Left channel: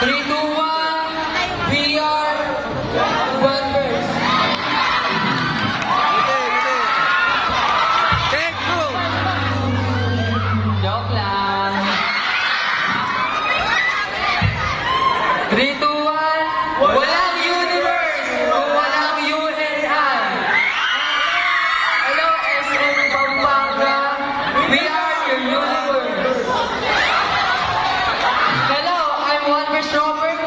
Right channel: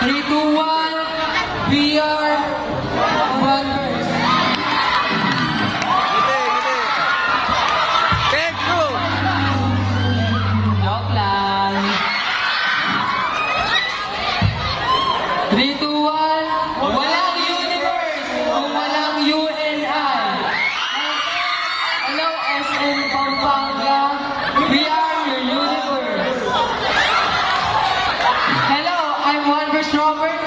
3, 2, 1. We are one verse. Giti. Take two. Joke lang. 3, 2, 1. Walang universe kung walang you and I. Hello, SM Pampanga. We are your universe. Hello, I'm One Verse Robert.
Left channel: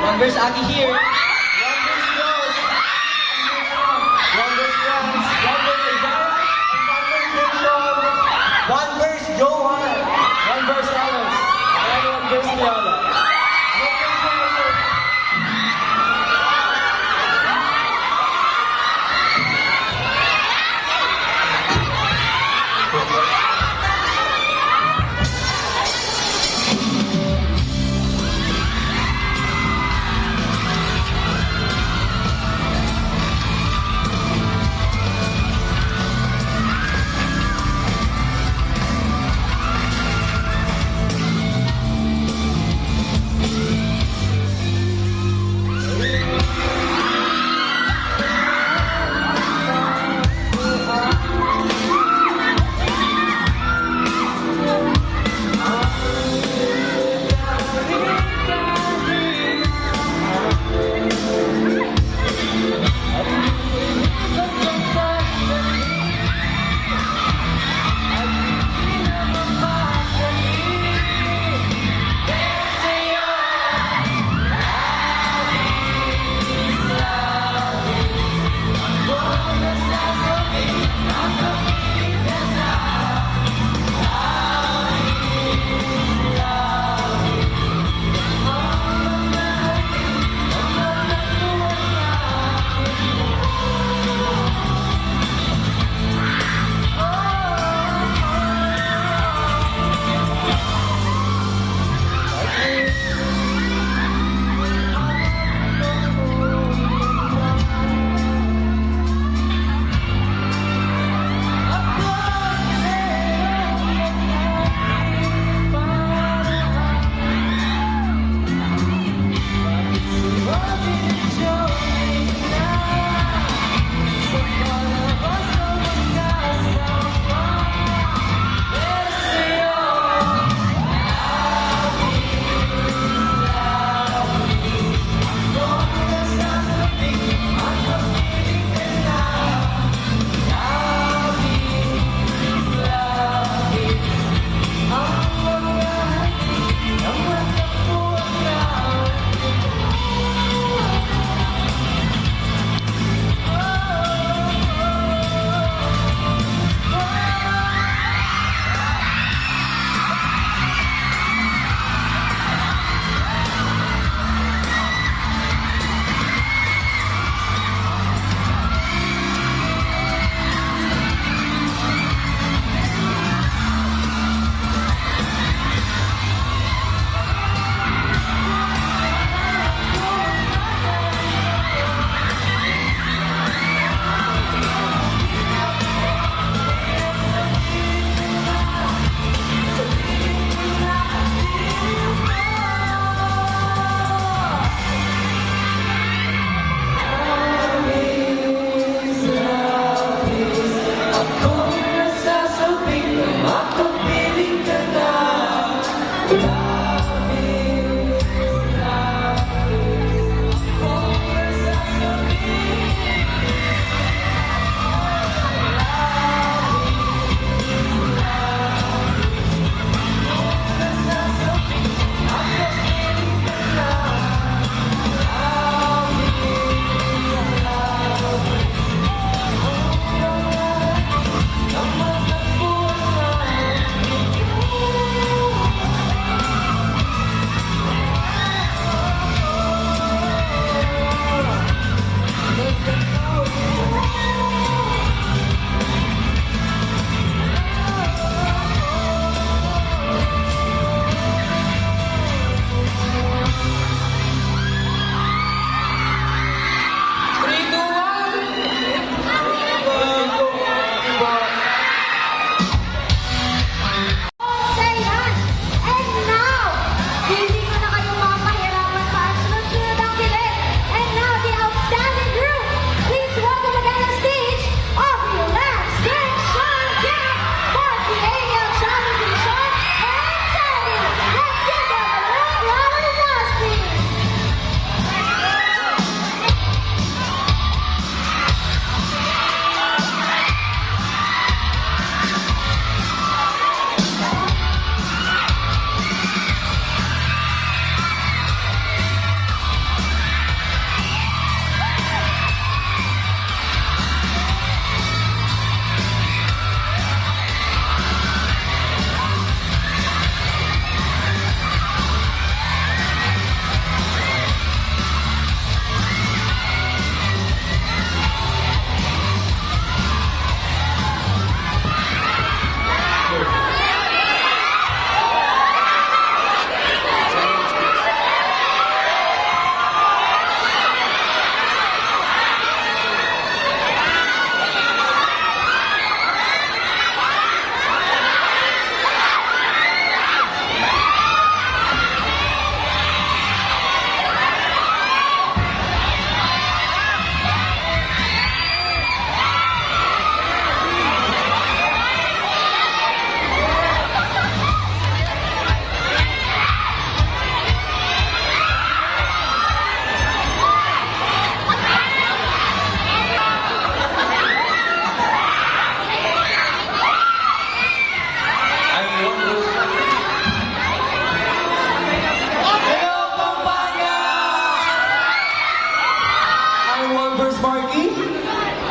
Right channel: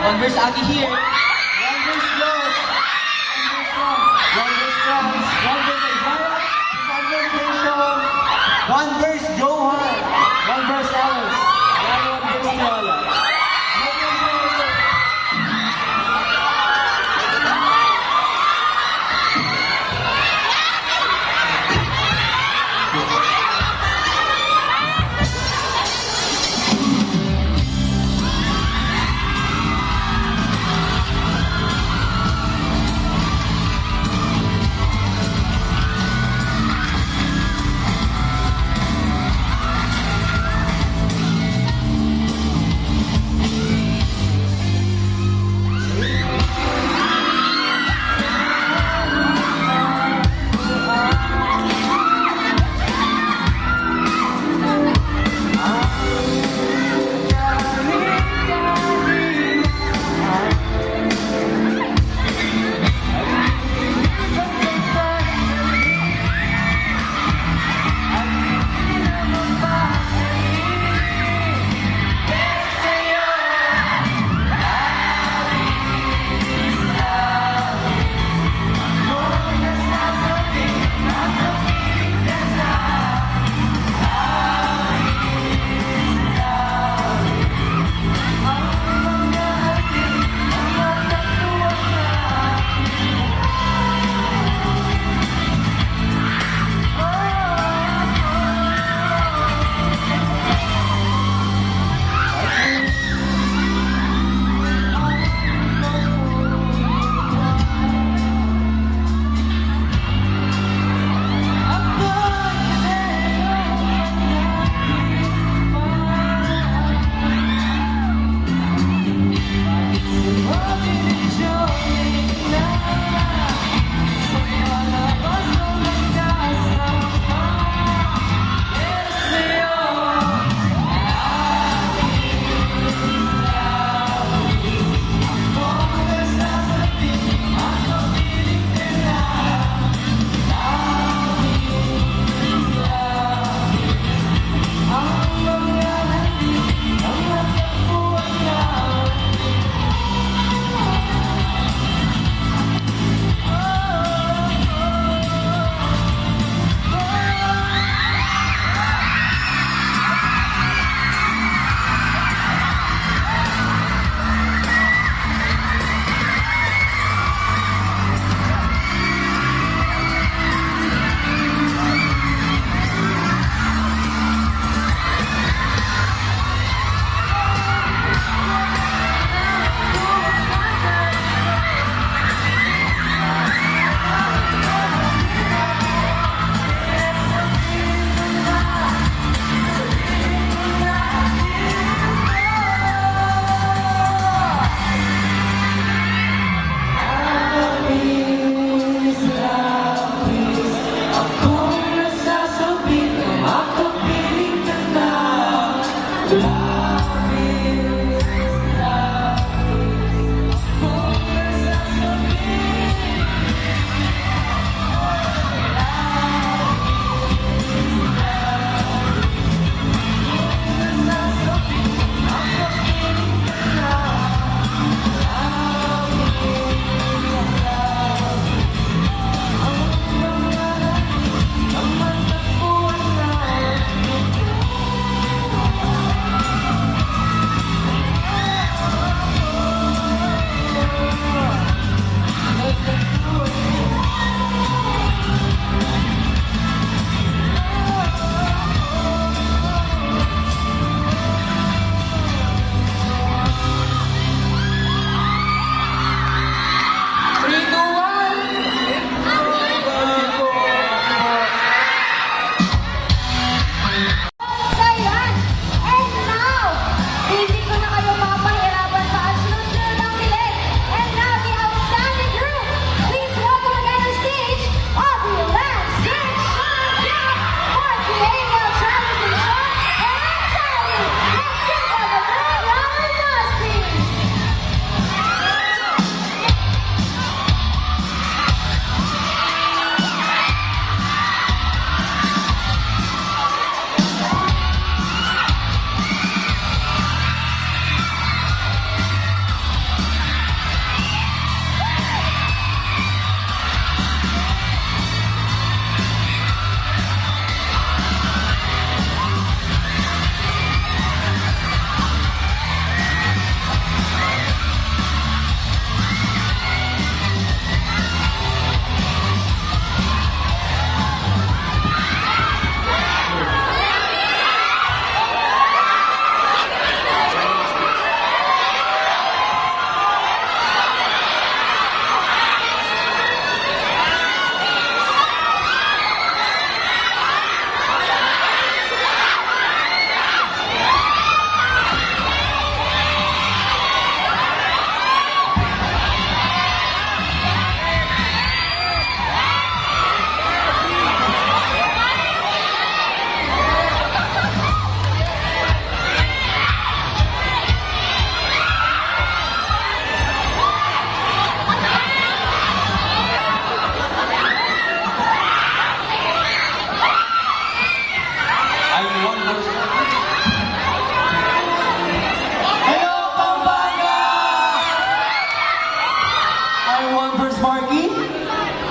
One Verse Aki here. One Verse Rose. One Verse Franz. One Verse Isaiah. One Verse Rachel. One Verse Johan. One Verse Alice. And One Verse Lola.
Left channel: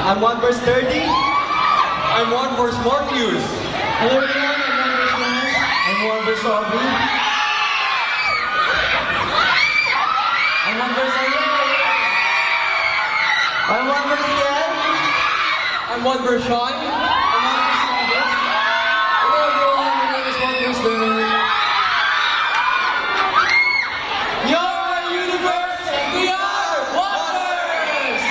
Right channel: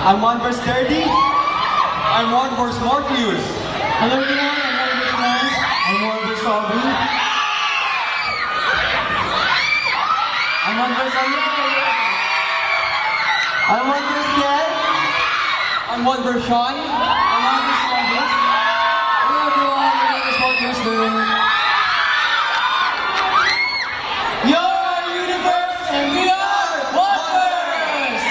I'm One Verse 30. I'm One Verse Morpheus. Hello everyone, I'm One Verse Lance. I'm One Verse Aubrey. I'm One Verse Ariel. I'm One Verse Kiel. I'm One Verse Sean. I'm One Verse Travis. Hello everyone, my name is One Verse Darren. Your universe and we are One Verse!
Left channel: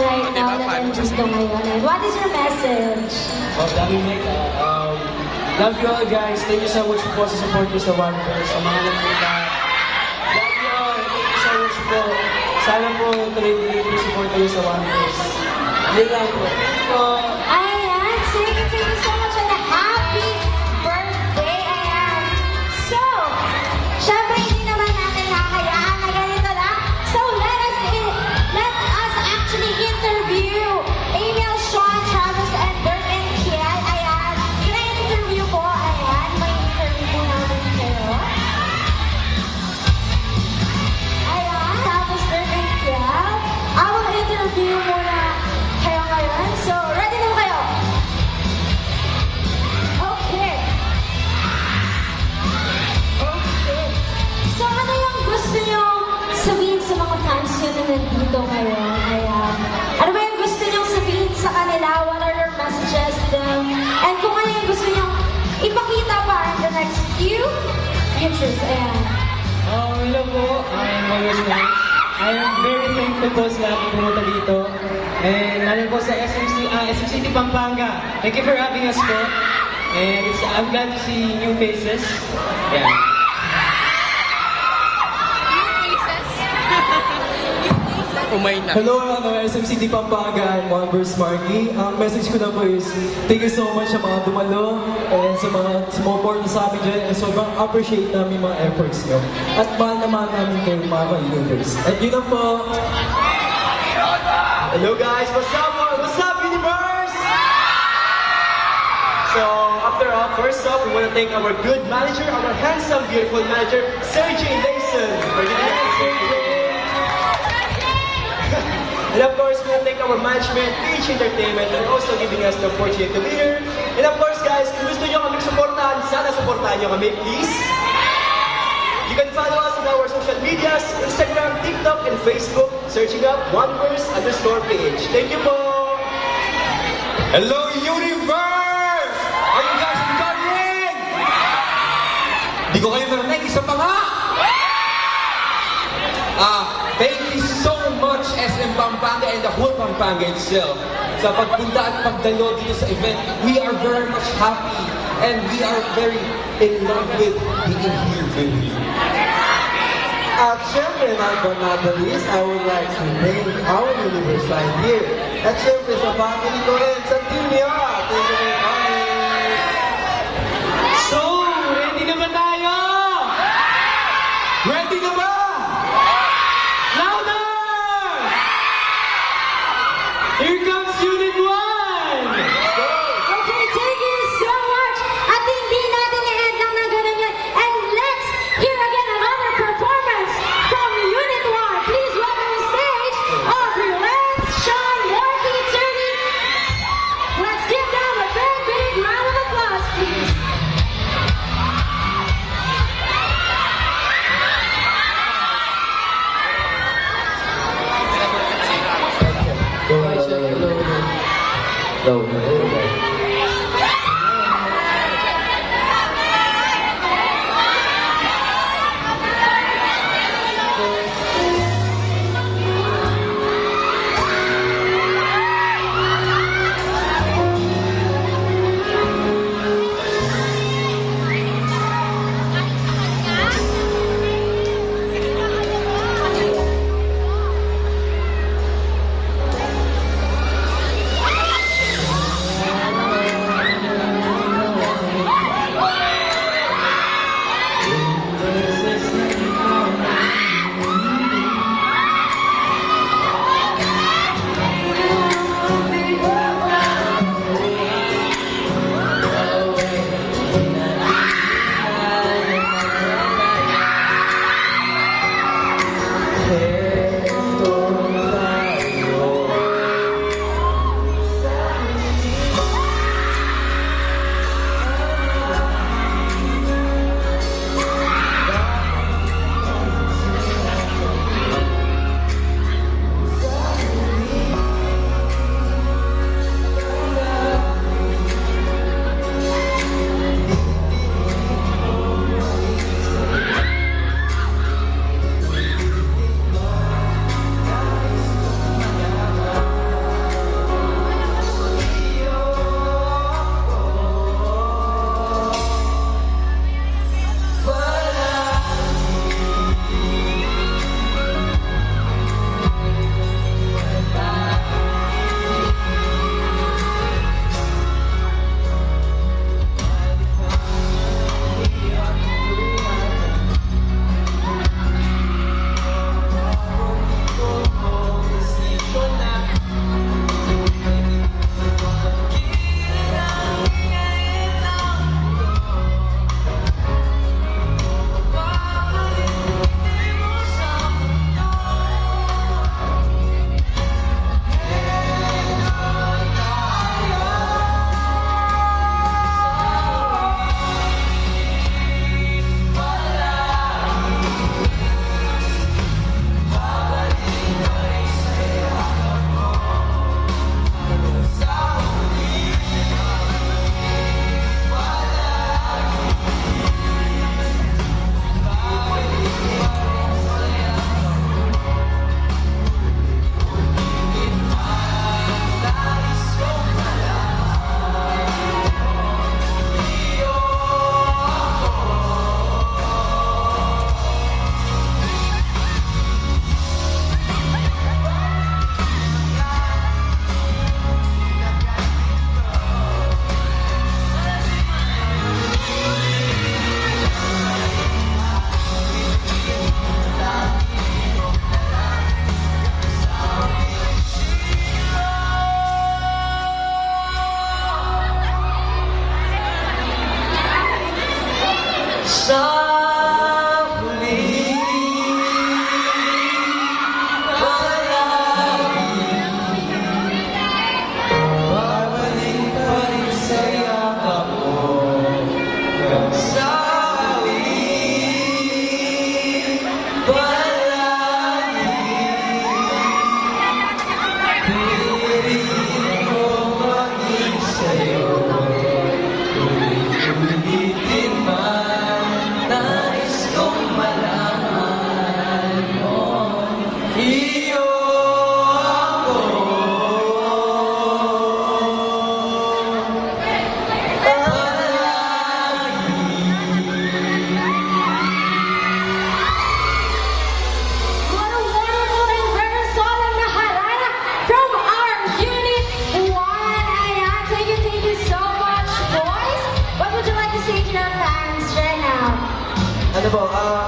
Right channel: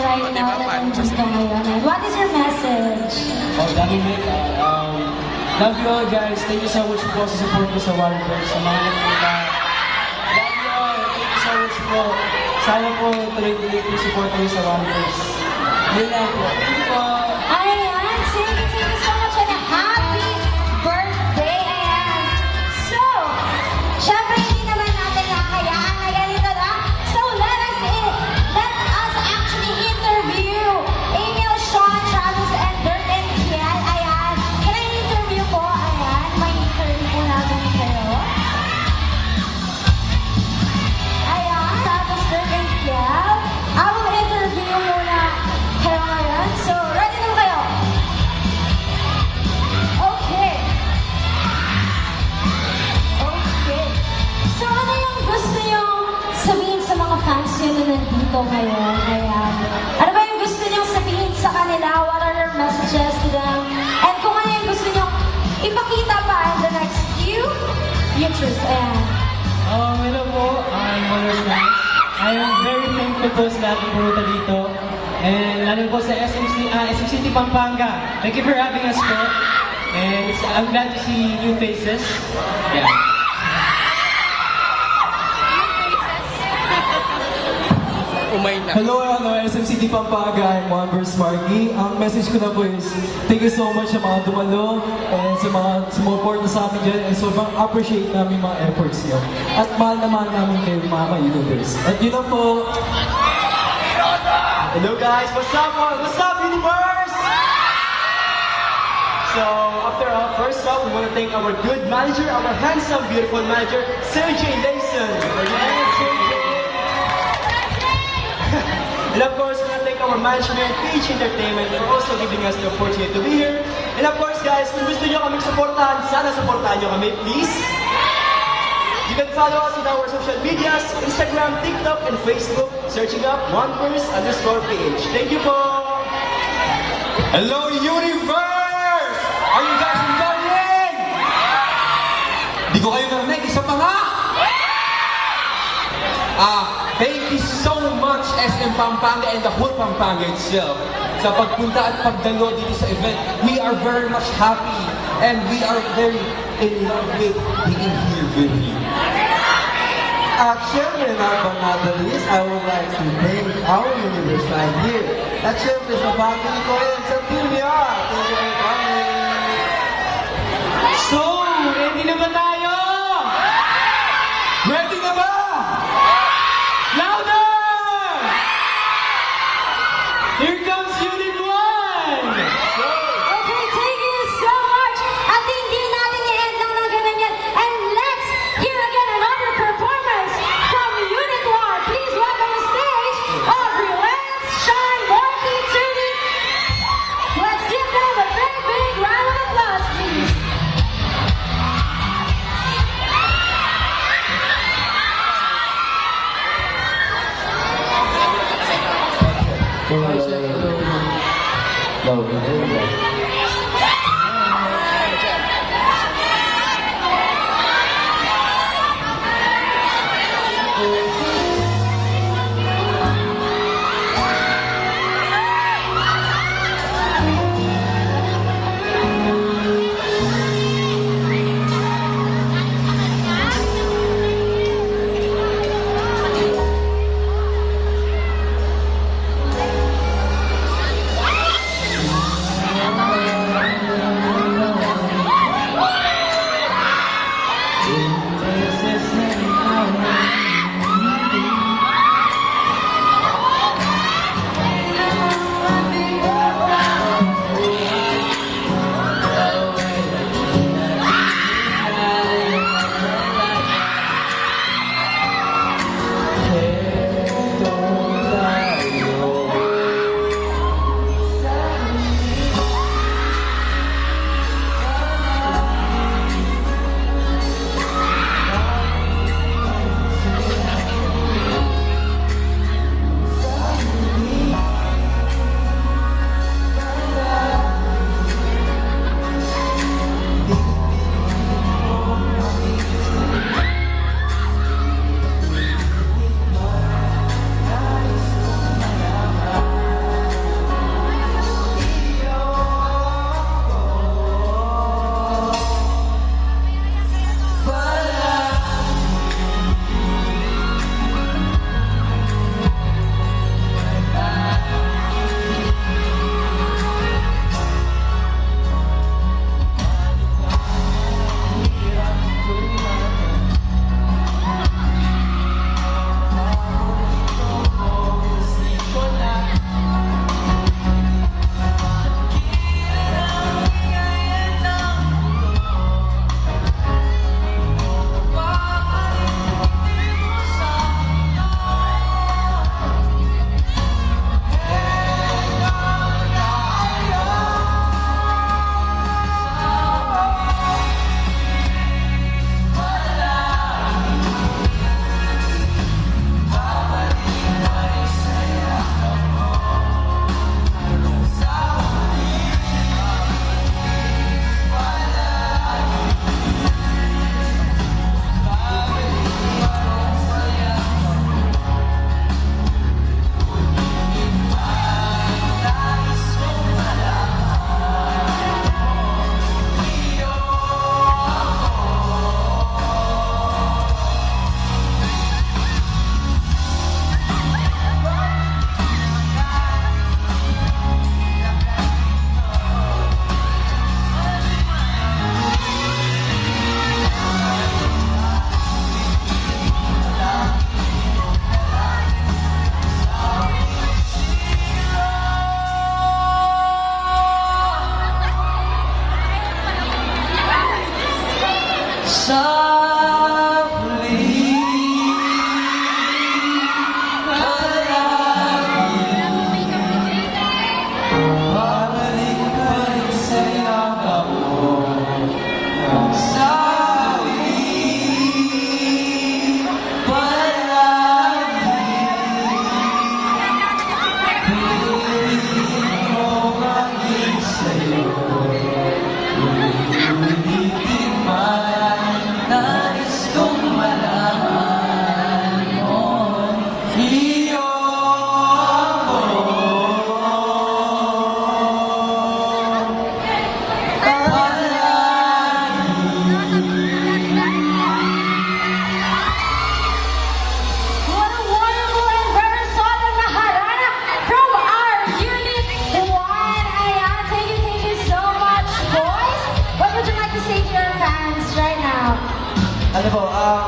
right O, now diba? na Paano nandito ngayon. And what is your message? Dami Nick, love you all guys. Thank you so much po sa support ko sa One Verse. Sa mga nagpunta. Love you all. Thank you so much po. Sana po tuloy-tuloy po support ko sa One Verse. Yun lang po. Thank you po. Ayan, thank you so much and a happy birthday! Ayan. So, syempre hindi naman natin nakayaan na ganito lang. So, let us actually interview Emil, Sean, Travis, and Dirk and Kian. Ayan. Can I interview po? Ayan. May interview po natin kayo. Ayan. Travis, Dirk, and Kian. I will interview muna kayo ngayon. So, ready na kayo? Okay. Okay. So, ano yung gusto nyo sabihin sa mga fans nyo na nandito ngayon? Ayan. Ano ba yung gusto nyo sabihin sa kanila? What are your messages to them? And kung ano yung gusto nyo ipakita pa in the next few futures. Ayan. Hello po, I'm Mayor Swan. I am very thankful po sa lahat ng pumunta dito. And lalo po sa SM City Pampanga. Thank you for having us po. And I'm glad to see new faces. Yeah. Umay na. Hello, SM City Pampanga. I'm One Verse Marky. Ang message ko na po is, thank you so much sa mga dumalo and sa mga sumuport na sa amin dyan. And sobrang appreciate namin mga efforts niyo. At mahal na mahal namin kayo mga ka-universe. At yun lang po. Hello guys, what's up? What's up, universe? So, after all, first up, we want to thank our good manager, our handsome, beautiful manager, Sergey Mason. And of course, we want to thank our management, PH Entertainment, for also giving us the opportunity to be here. And of course, guys, kung gusto nyo kami supportahan, sana supportahan nyo kami, please. You can follow us on our social medias, Instagram, TikTok, and Facebook, searching up OneVerse_PH. Thank you po! Hello, universe! Are you guys enjoying? Di ko kayo narinig, isa pa nga! Thank you so much SM Pampanga and the whole Pampanga itself sa pagpunta at pagdalo dito sa event. We are very much happy and we are very in love with being here with you. At syempre, last but not the least, I would like to thank our universe right here. At syempre, sa family ko rin, sa team niya. Thank you for coming. So, ready na ba tayo? Ready na ba? Louder! Here comes Unit 1! Okay, thank you so much. At hindi natin i-end lang ng ganun yan. And let's hear again another performance from Unit 1. Please welcome the stage of Relance, Sean, Morky, Tuni. Let's give them a big, big round of applause, please.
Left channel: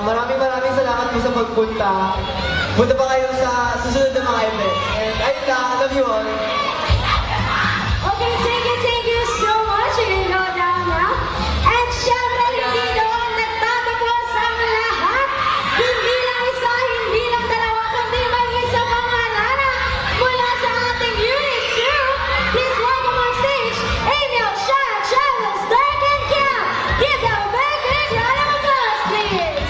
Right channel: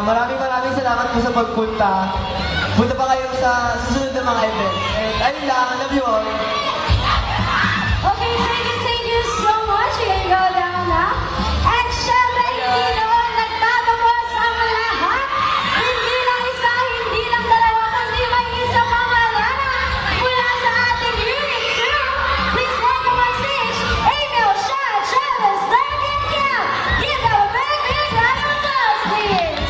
maraming salamat po sa pagpunta. Punta pa kayo sa susunod na mga events. And ayun lang, love you all. Okay, thank you so much. You can go down now. And syempre, hindi doon nagtatapos ang lahat. Hindi lang isa, hindi lang dalawa, kundi may isang pangalana mula sa ating Unit 2. Please welcome on stage, Emil, Shad, Travis, Dirk, and Kim. Give them a big round of applause, please.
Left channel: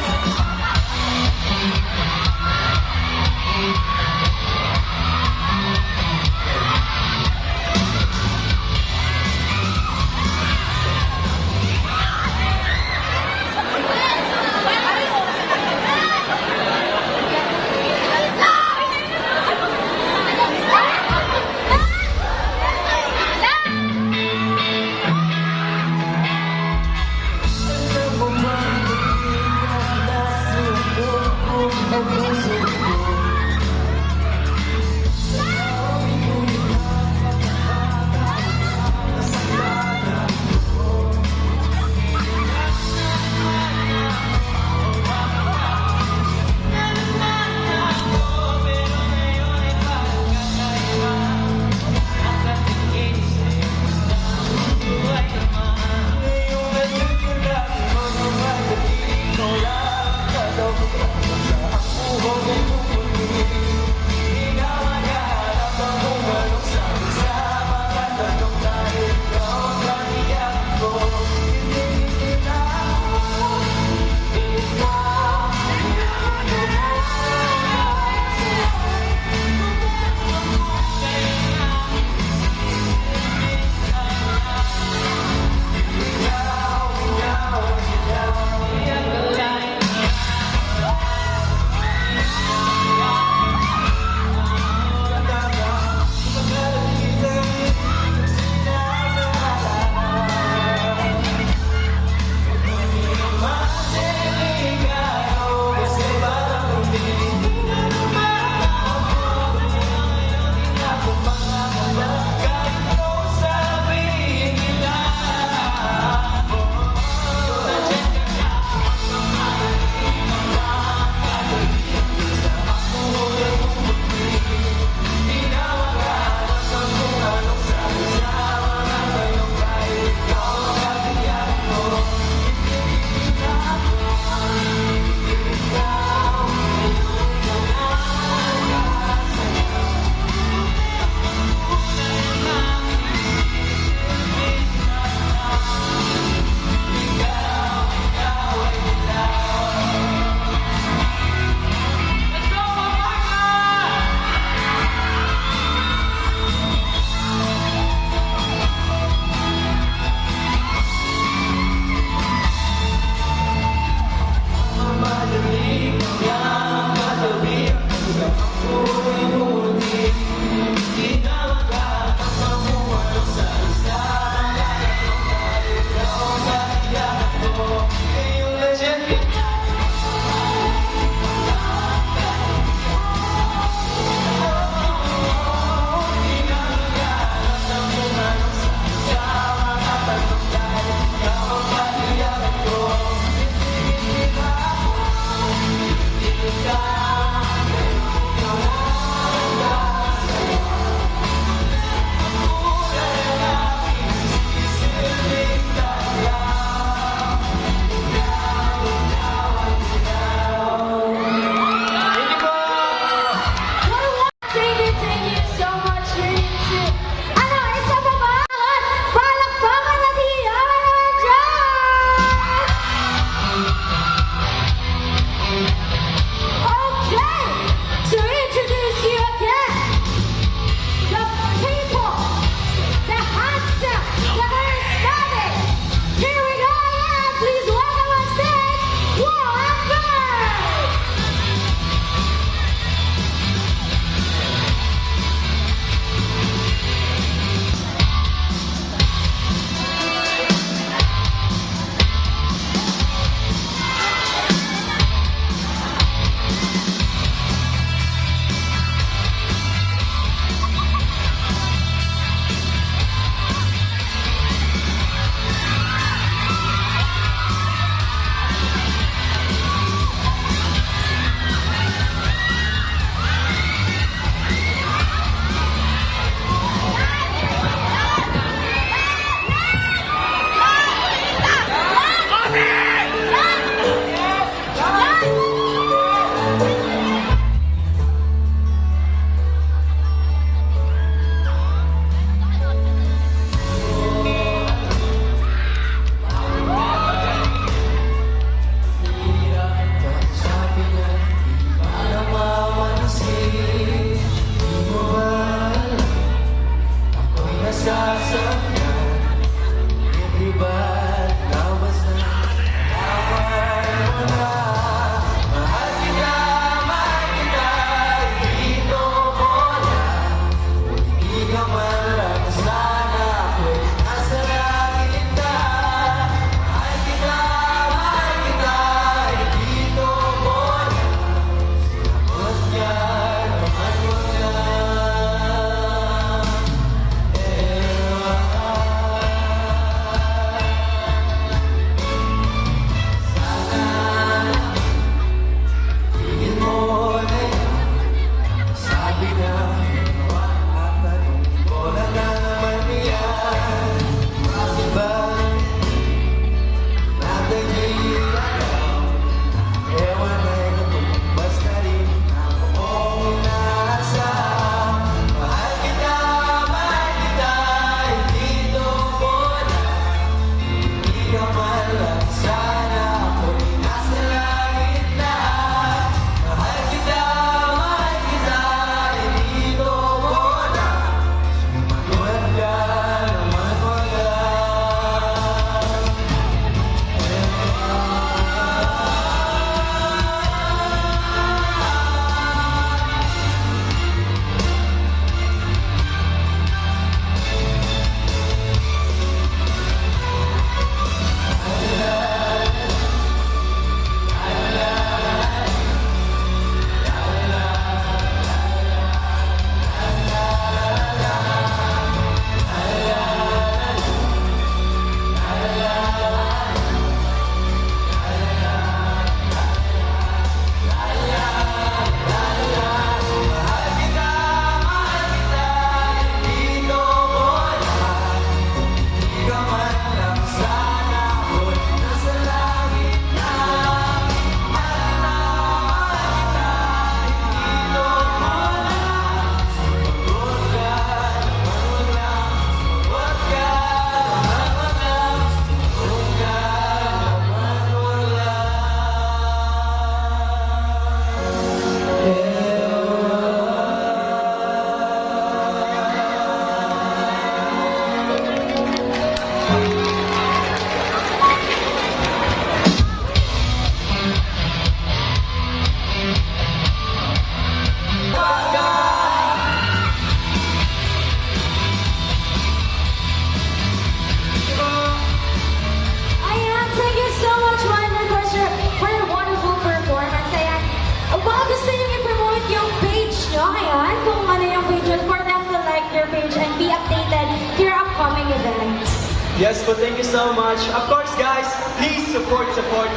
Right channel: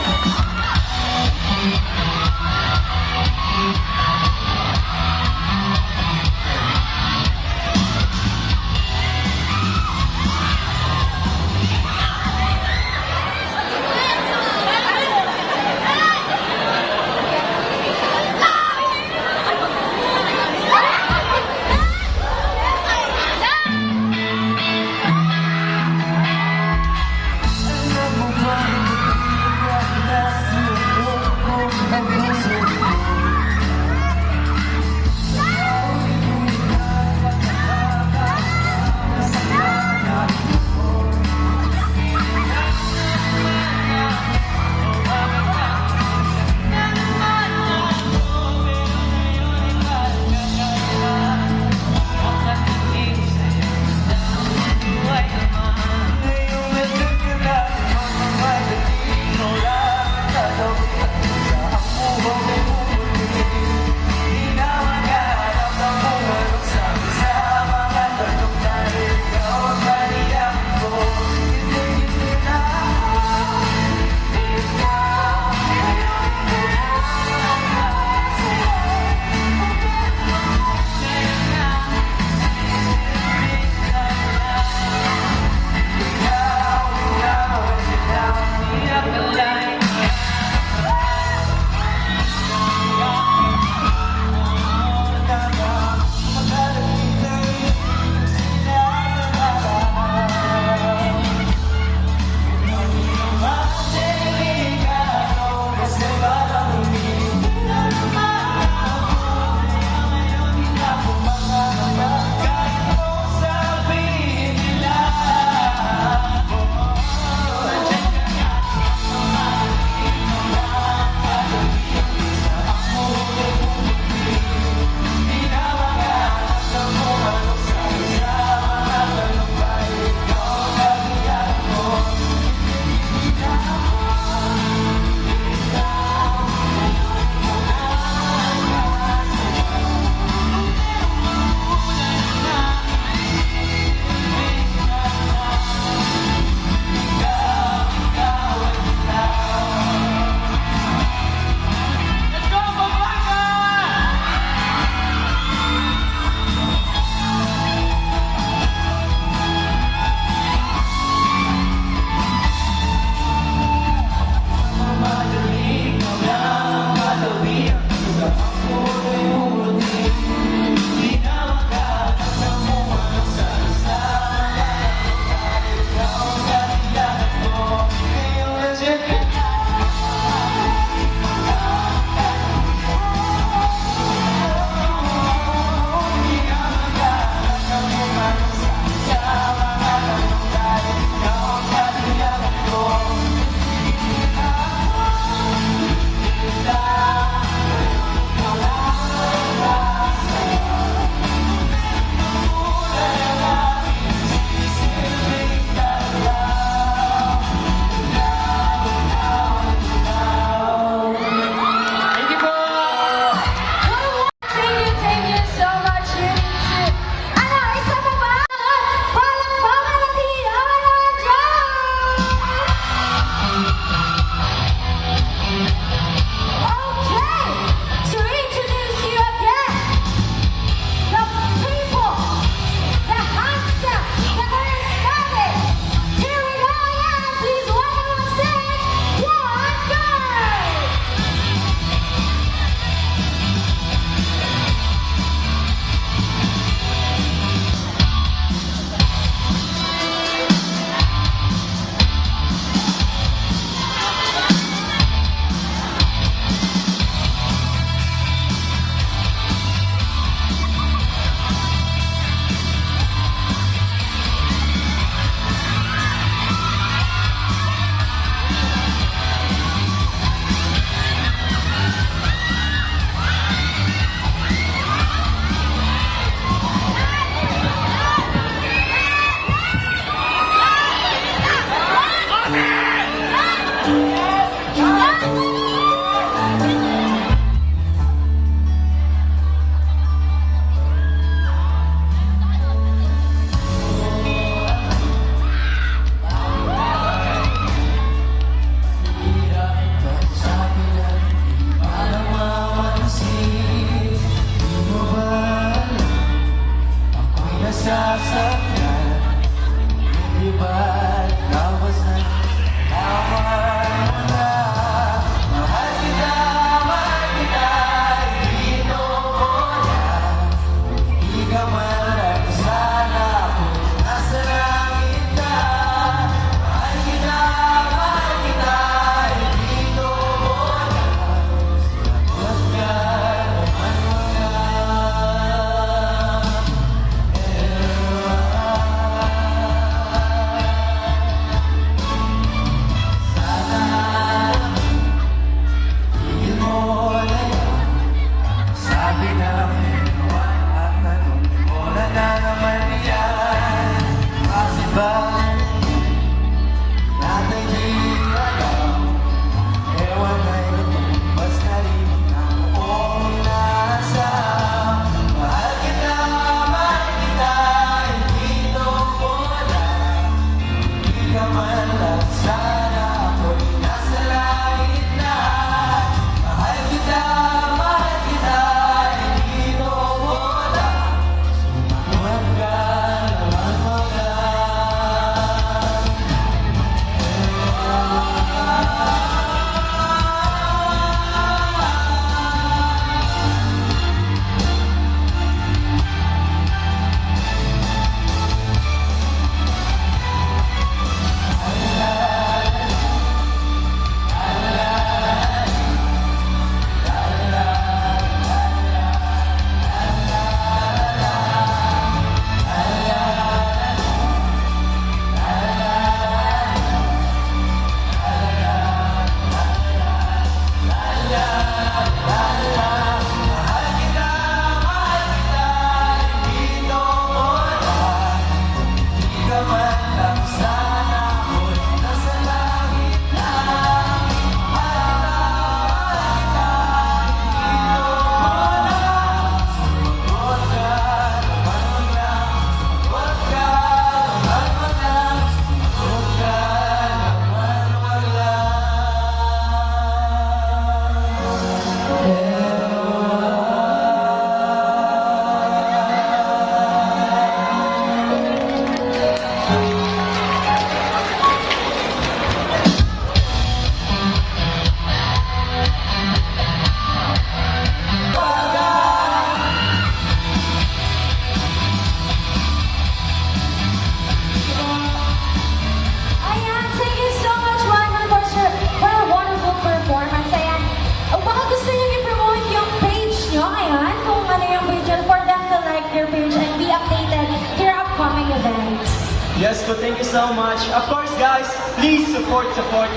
Yes, but thank you so much. Of course, guys, please support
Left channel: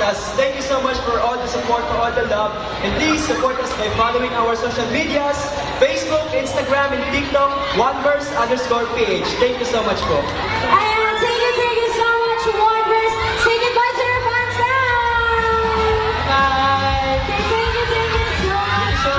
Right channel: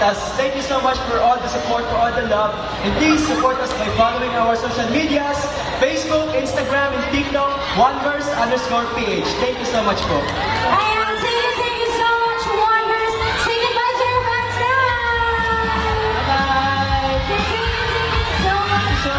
us. Thank you so much for all the support, for all the love. And please support us by following our social medias, Facebook, Instagram, and TikTok, OneVerse_PH. Thank you so much po. And thank you so much, Wanderers. Say goodbye to your fans now. Bye! Thank you so much. So,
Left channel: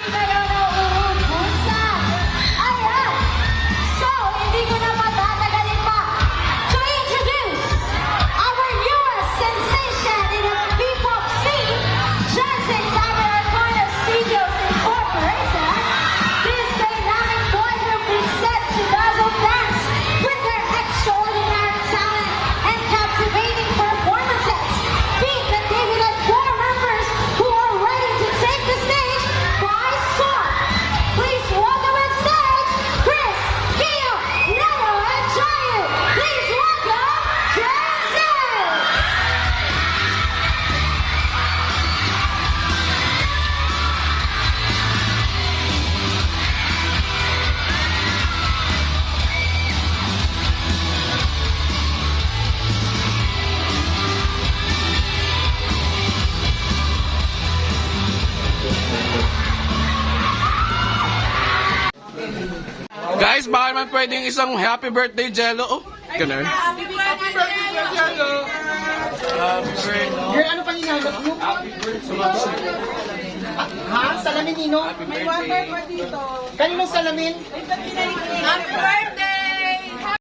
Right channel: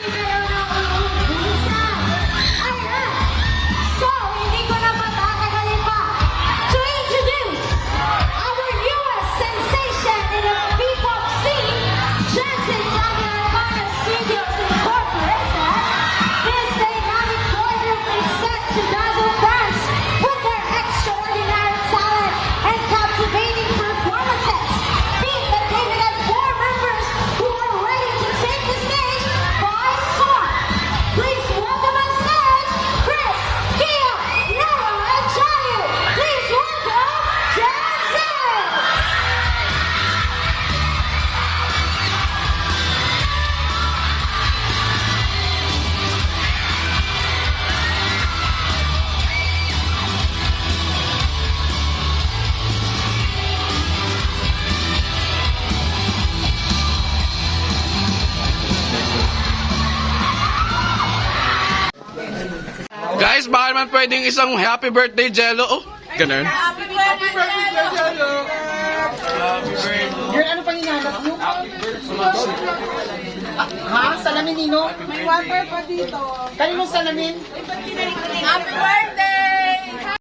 Kayo na uubusan. Ayan. So, hindi ko na patatagalin pa to introduce our newest sensation in the P-pop scene, Jensen Americana Studios Incorporated. This dynamic boy group presents to dazzle fans with their extraordinary talent and captivating performances. Being the David and four members who are ready to take the stage by storm. Please welcome on stage Chris, Gio, Nero, and Jayu. Please welcome dancers. Guys, baka naman pwedeng isang happy birthday jello. Oh, ganun. Girl, ano pang hinahanap nyo? Ha? Salamin, Nino? May water pa dito. Kaninong salamin? Happy birthday!